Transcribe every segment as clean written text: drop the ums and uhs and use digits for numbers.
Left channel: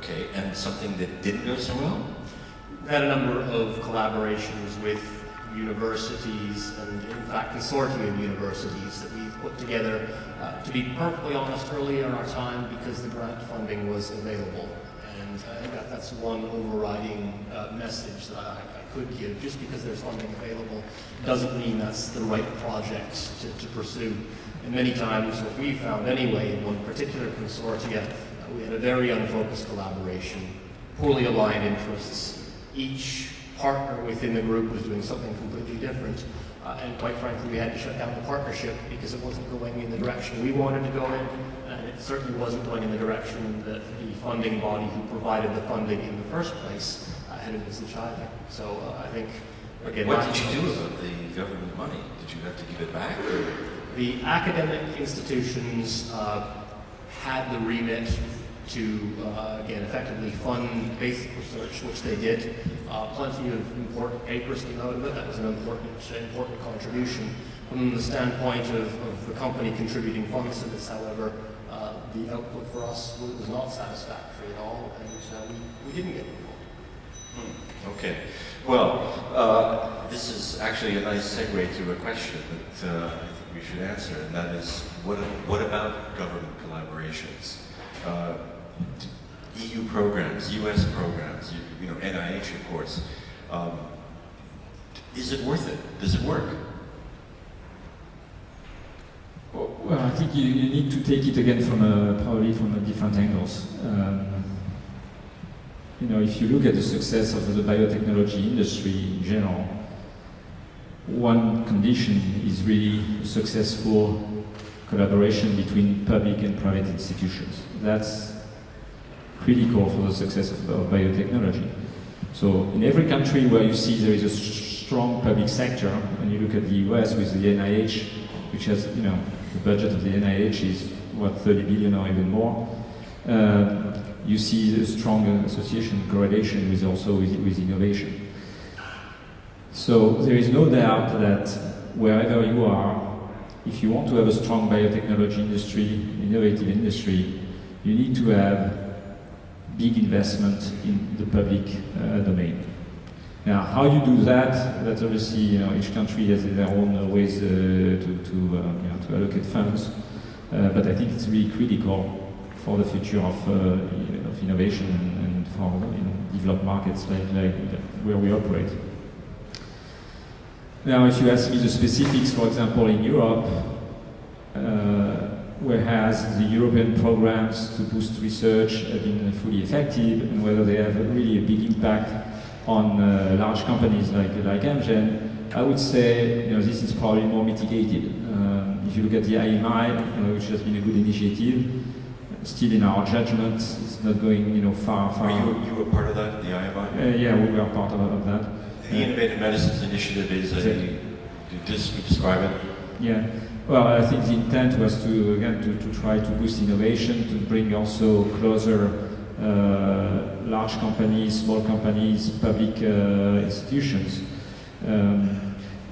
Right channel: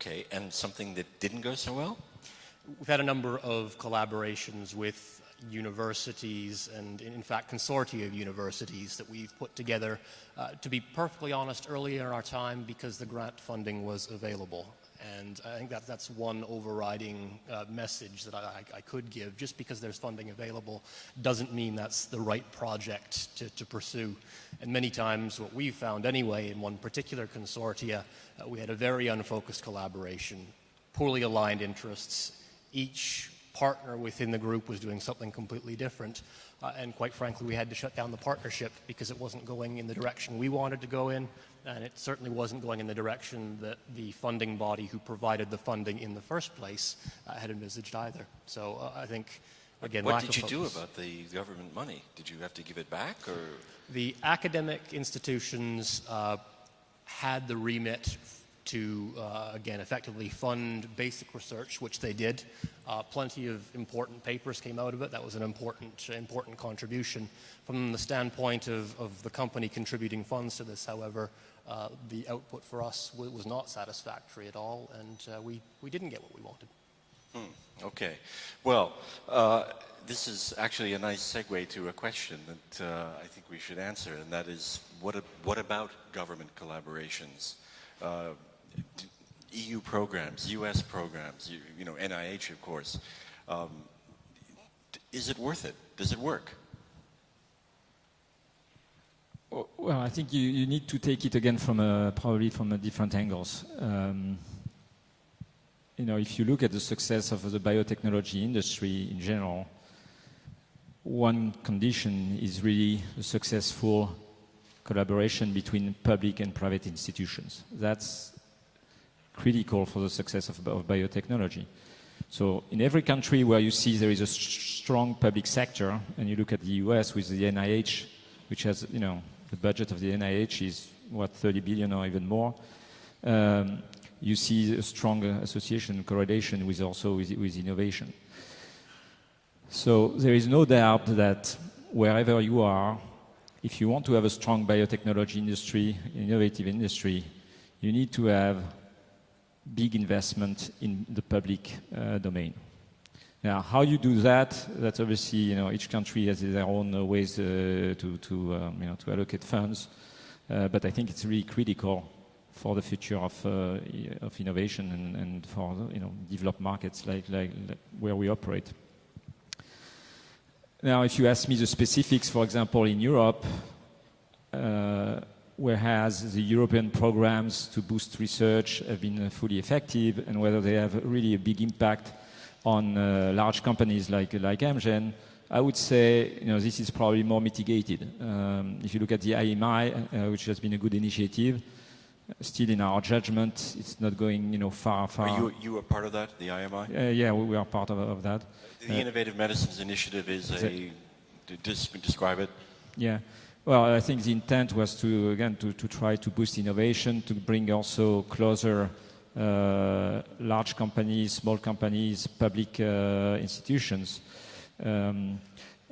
Okay, and something that didn't go so well? We've had a number of collaborations with universities and, in fact, consortia of universities that we've put together, to be perfectly honest, earlier in our time because the grant funding was available. And I think that's one overriding message that I could give. Just because there's funding available doesn't mean that's the right project to pursue. And many times what we found anyway in one particular consortia, we had a very unfocused collaboration, poorly aligned interests. Each partner within the group was doing something completely different. And quite frankly, we had to shut down the partnership because it wasn't going in the direction we wanted to go in. And it certainly wasn't going in the direction that the funding body who provided the funding in the first place had envisaged either. So I think, again, what did you do about the government money? Did you have to give it back? Or? The academic institutions had the remit to, again, effectively fund basic research, which they did. Plenty of important papers came out of it. That was an important contribution. From the standpoint of the company contributing funds to this, however, the output for us was not satisfactory at all, and we didn't get involved. Okay. Well, this is actually a nice segue to a question that I think we should answer, and that is, what about government collaborations? EU programs, US programs, you know, NIH, of course. Is it worth it? Does it work? Well, I think you need to take it again from probably from different angles. You know, if you look at the success of the biotechnology industry in general, one condition is really a successful collaboration between public and private institutions. That's critical for the success of biotechnology. So in every country where you see there is a strong public sector, and you look at the US with the NIH, which has, you know, the budget of the NIH is, what, 30 billion or even more, you see a strong association, correlation with also with innovation. So there is no doubt that wherever you are, if you want to have a strong biotechnology industry, innovative industry, you need to have big investment in the public domain. Now, how you do that, that's obviously, you know, each country has their own ways to allocate funds, but I think it's really critical for the future of innovation and for, you know, developed markets like where we operate. Now, if you ask me the specifics, for example, in Europe, whereas the European programs to boost research have been fully effective, and whether they have really a big impact on large companies like Amgen, I would say, you know, this is probably more mitigated. If you look at the IMI, which has been a good initiative, still in our judgment, it's not going, you know, far. You were part of that, the IMI? Yeah, we were part of that. The Innovative Medicines Initiative is describe it? Yeah. Well, I think the intent was to, again, to try to boost innovation, to bring also closer large companies, small companies, public institutions.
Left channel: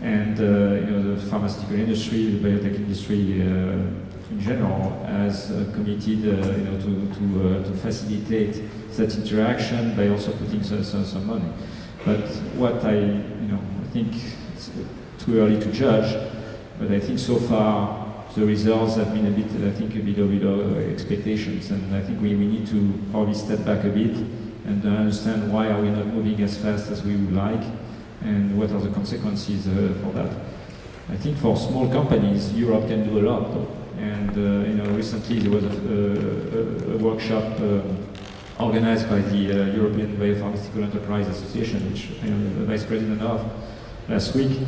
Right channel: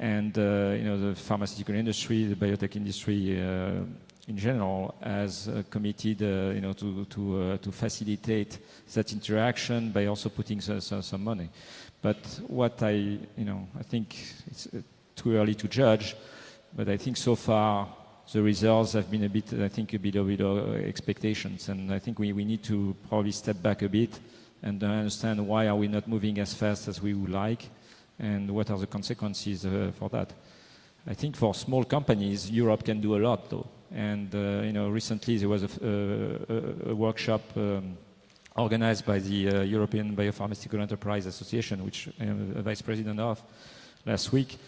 And you know, the pharmaceutical industry, the biotech industry in general has committed you know, to facilitate that interaction by also putting some money. But what I think it's too early to judge, but I think so far the results have been a bit below expectations, and I think we need to probably step back a bit and understand why are we not moving as fast as we would like, and what are the consequences for that. I think for small companies, Europe can do a lot, though. And you know, recently there was a workshop organized by the European Biopharmaceutical Enterprise Association, which I'm the vice president of, last week.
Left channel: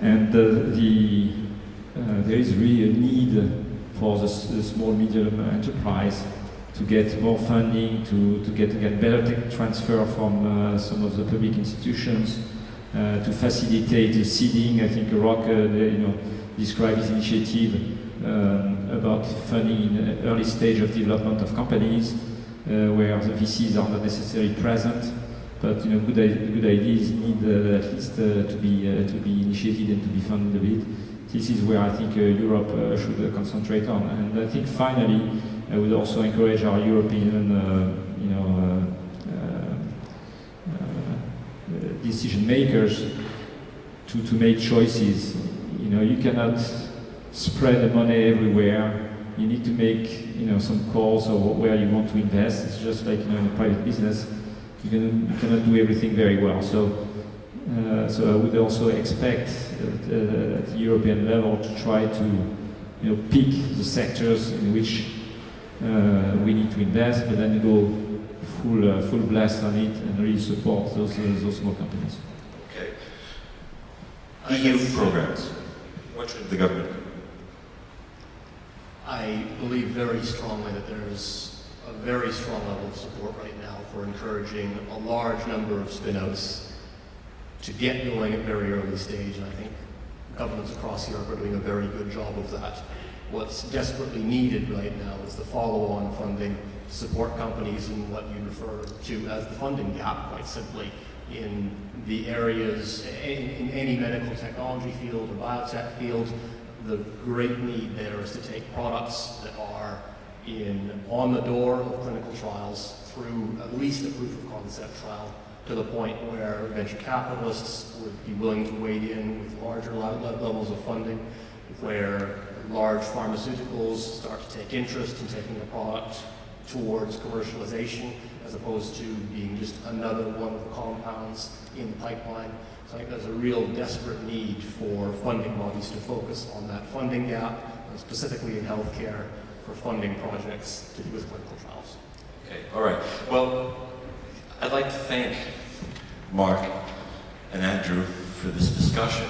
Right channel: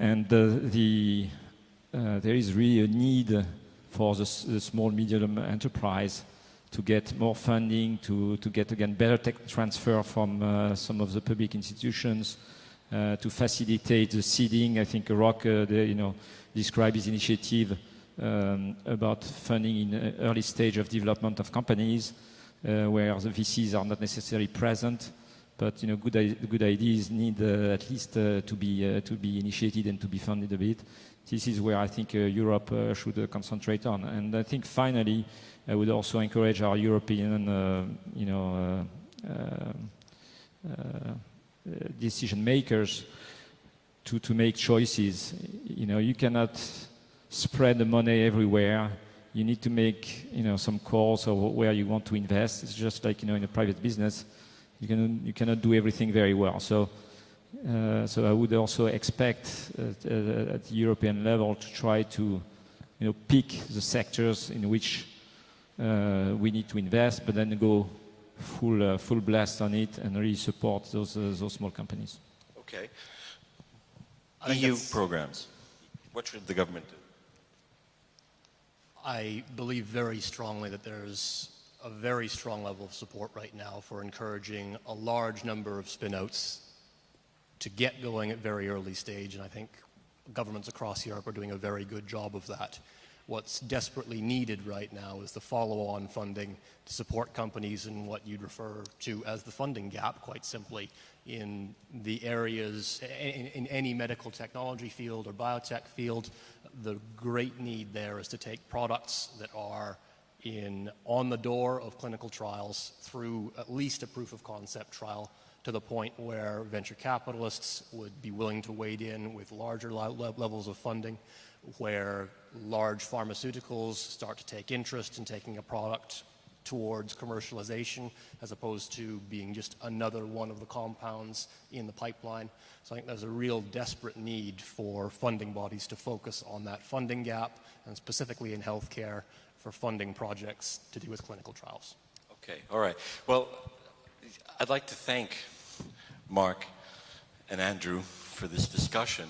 And there is really a need for the small medium enterprise to get more funding, to get again better tech transfer from some of the public institutions, to facilitate the seeding. I think Rock described his initiative about funding in the early stage of development of companies, where the VCs are not necessarily present, but good ideas need at least to be initiated and to be funded a bit. This is where I think Europe should concentrate on. And I think finally, I would also encourage our European makers to make choices. You know, you cannot spread the money everywhere. You need to make, you know, some calls or where you want to invest. It's just like, you know, in a private business, you cannot do everything very well. So I would also expect at the European level to try to, you know, pick the sectors in which we need to invest, but then go full blast on it and really support those small companies. Okay. EU programs. What should the government do? I believe very strongly that there's a very strong level of support right now for encouraging a large number of spin-outs to get going at very early stage, and I think governments across Europe are doing a very good job of that. What's desperately needed right now is the follow-on funding to support companies in what you refer to as the funding gap, quite simply, in the areas, in any medical technology field or biotech field. The great need there is to take products that are on the door of clinical trials through at least a proof of concept trial to the point where venture capitalists would be willing to wade in with larger levels of funding, where large pharmaceuticals start to take interest in taking a product towards commercialization as opposed to being just another one of the compounds in the pipeline. So I think there's a real desperate need for funding bodies to focus on that funding gap, and specifically in healthcare, for funding projects to do with clinical trials. Okay, all right. Well, I'd like to thank Marc and Andrew for this discussion.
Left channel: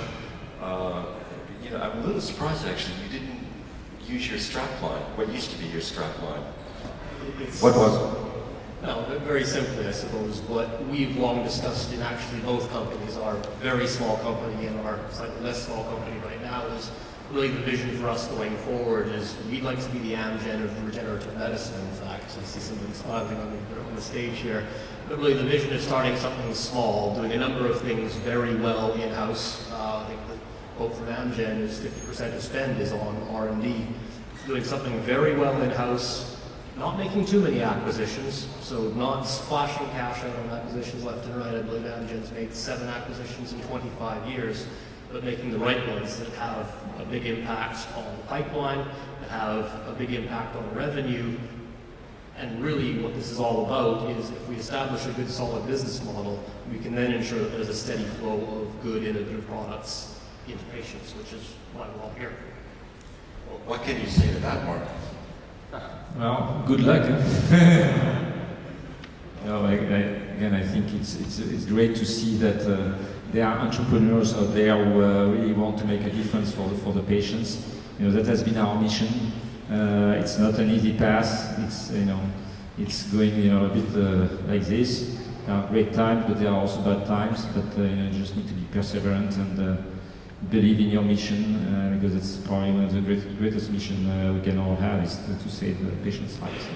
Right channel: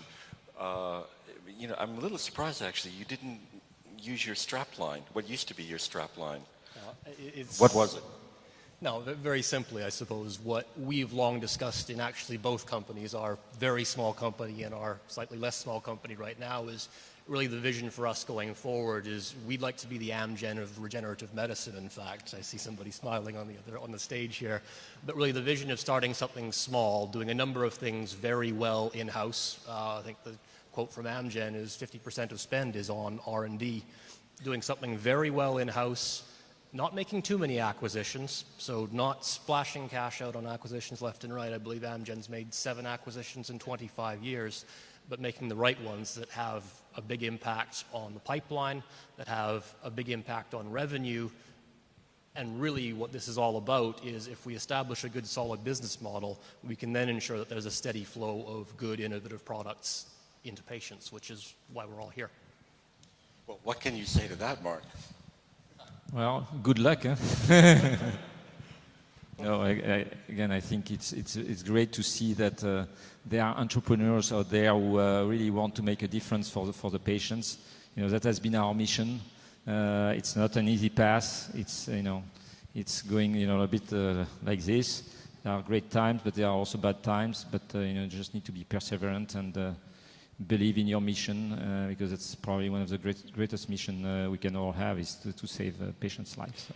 You know, I'm a little surprised actually you didn't use your strapline. What used to be your strapline? What was it? No, very simply, I suppose, what we've long discussed in actually both companies, our very small company and our slightly less small company right now, is really the vision for us going forward is we'd like to be the Amgen of regenerative medicine, in fact. I see somebody smiling on the stage here. But really the vision is starting something small, doing a number of things very well in-house. I think the quote from Amgen is 50% of spend is on R&D. Doing something very well in-house, not making too many acquisitions, so not splashing cash out on acquisitions left and right. I believe Amgen's made 7 acquisitions in 25 years, but making the right ones that have a big impact on the pipeline, that have a big impact on revenue. And really what this is all about is if we establish a good solid business model, we can then ensure that there's a steady flow of good innovative products into patients, which is why we're all here. Well, what can you say to that, Marc? Well, good luck. No, again, I think it's great to see that there are entrepreneurs out there who really want to make a difference for the patients. You know, that has been our mission. It's not an easy path. It's going, a bit like this. There are great times, but there are also bad times. But you just need to be perseverant and believe in your mission, because it's probably one of the greatest mission we can all have is to save the patient's lives. So.